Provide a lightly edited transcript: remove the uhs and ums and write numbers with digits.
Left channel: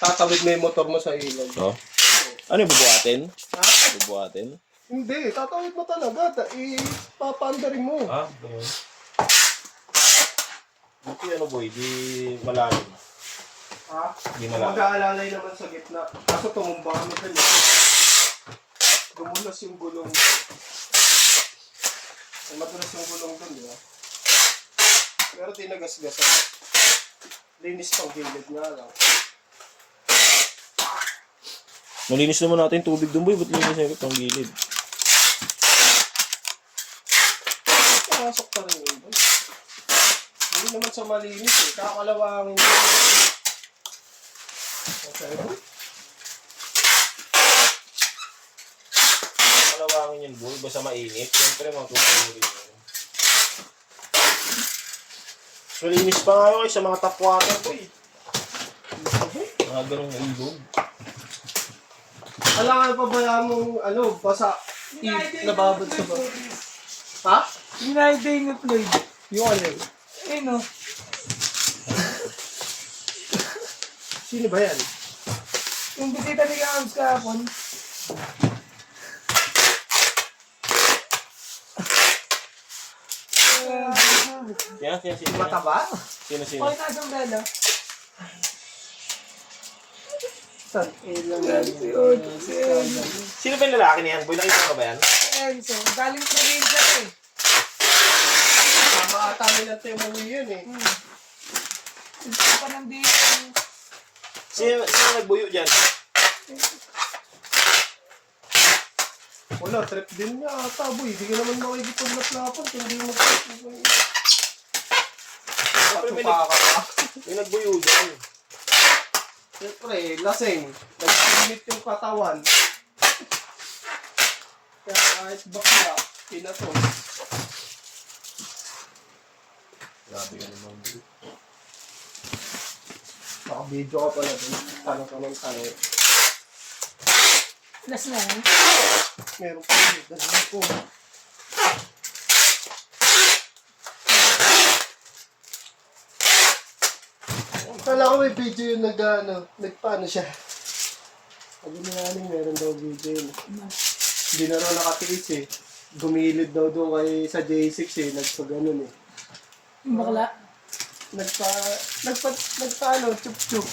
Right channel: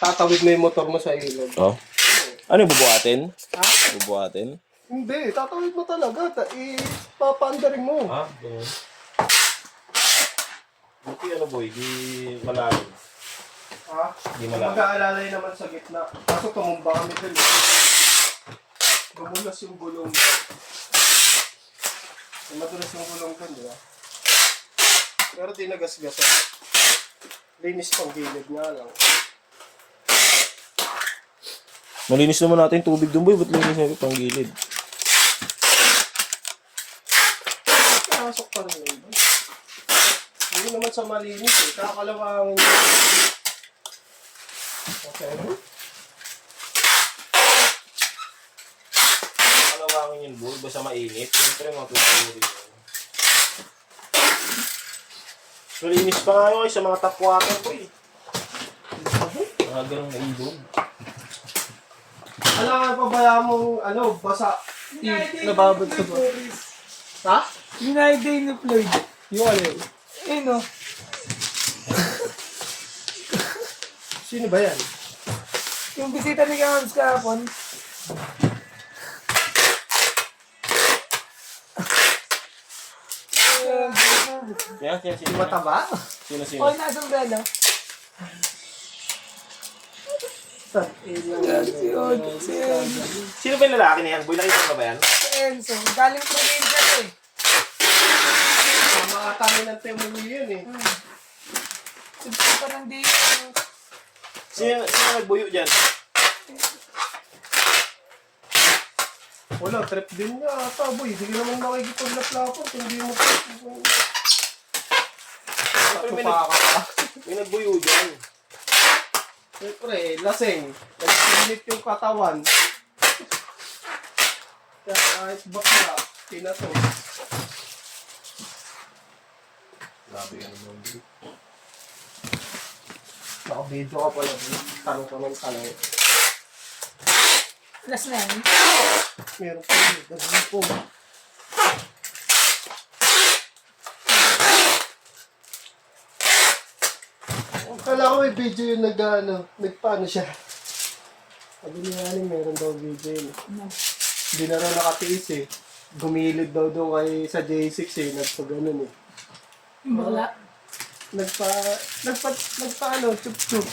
tatawid mo yung motor mo sa ilog. Oh. Ano, bubuhatin? Ha? Bubuhatin? Hindi, tatawid mo talaga. Papaandarin mo. Ah, ganyan. Buti ano boy, di malalim. Ha? Di malalim. Mag-aalalay naman sa gitna. Kaso tumumba kami dun. Gumulas yung gulong. Ay, madulas yung gulong dun, di ba? Pero di nagasgasan. Linis pang gilid nga lang. Malinis naman natin tubig dun boy, ba't linis na ito pang gilid? Pasok pa rin yun. Hindi naman sa malinis eh. Kakalawangin yun. Okay. Kalawangin yun boy, basta mainit. Siyempre matutuloy yun. Malinis pa nga yun sa mga tap water boy. Mga ganong ilog. Alam ka ba mo basa nababad sa ba? Ha? Ginagay na played. Yung ano yun? Eh no. Sino ba yan? Yung bisita ni Kams kahapon. Yan, sino? Mataba? Sino? Okay, nasa gala. Sino ba yung lalaki niyan? Boy, nakita ka ba yan? Enzo, galing probinsya to eh. Tama ata nilang temuwi yun eh. Siguro pa ng dito. Sino nagbuyo dyan? Wala, trip din niya ata boy. Hindi ka naman makikipaglaplapon kung hindi mo trip. Siyempre may nagbuyo dyan. Siyempre, lasing. Nag-init yung katawan. Kaya kahit bakla, pinato. Grabe yan naman. Naka-video ka pala din. Tanong ka ng tanong. Last na yan. Meron pa yun. Dahil po. Kala ko may video yung nagpaano siya. Sabi ni Aning, meron daw video yun. Hindi na raw nakatiis eh. Gumilid daw doon kay sa J6 eh. Nagpa-ganon eh. Yung bakla. Nagpa chup-chup.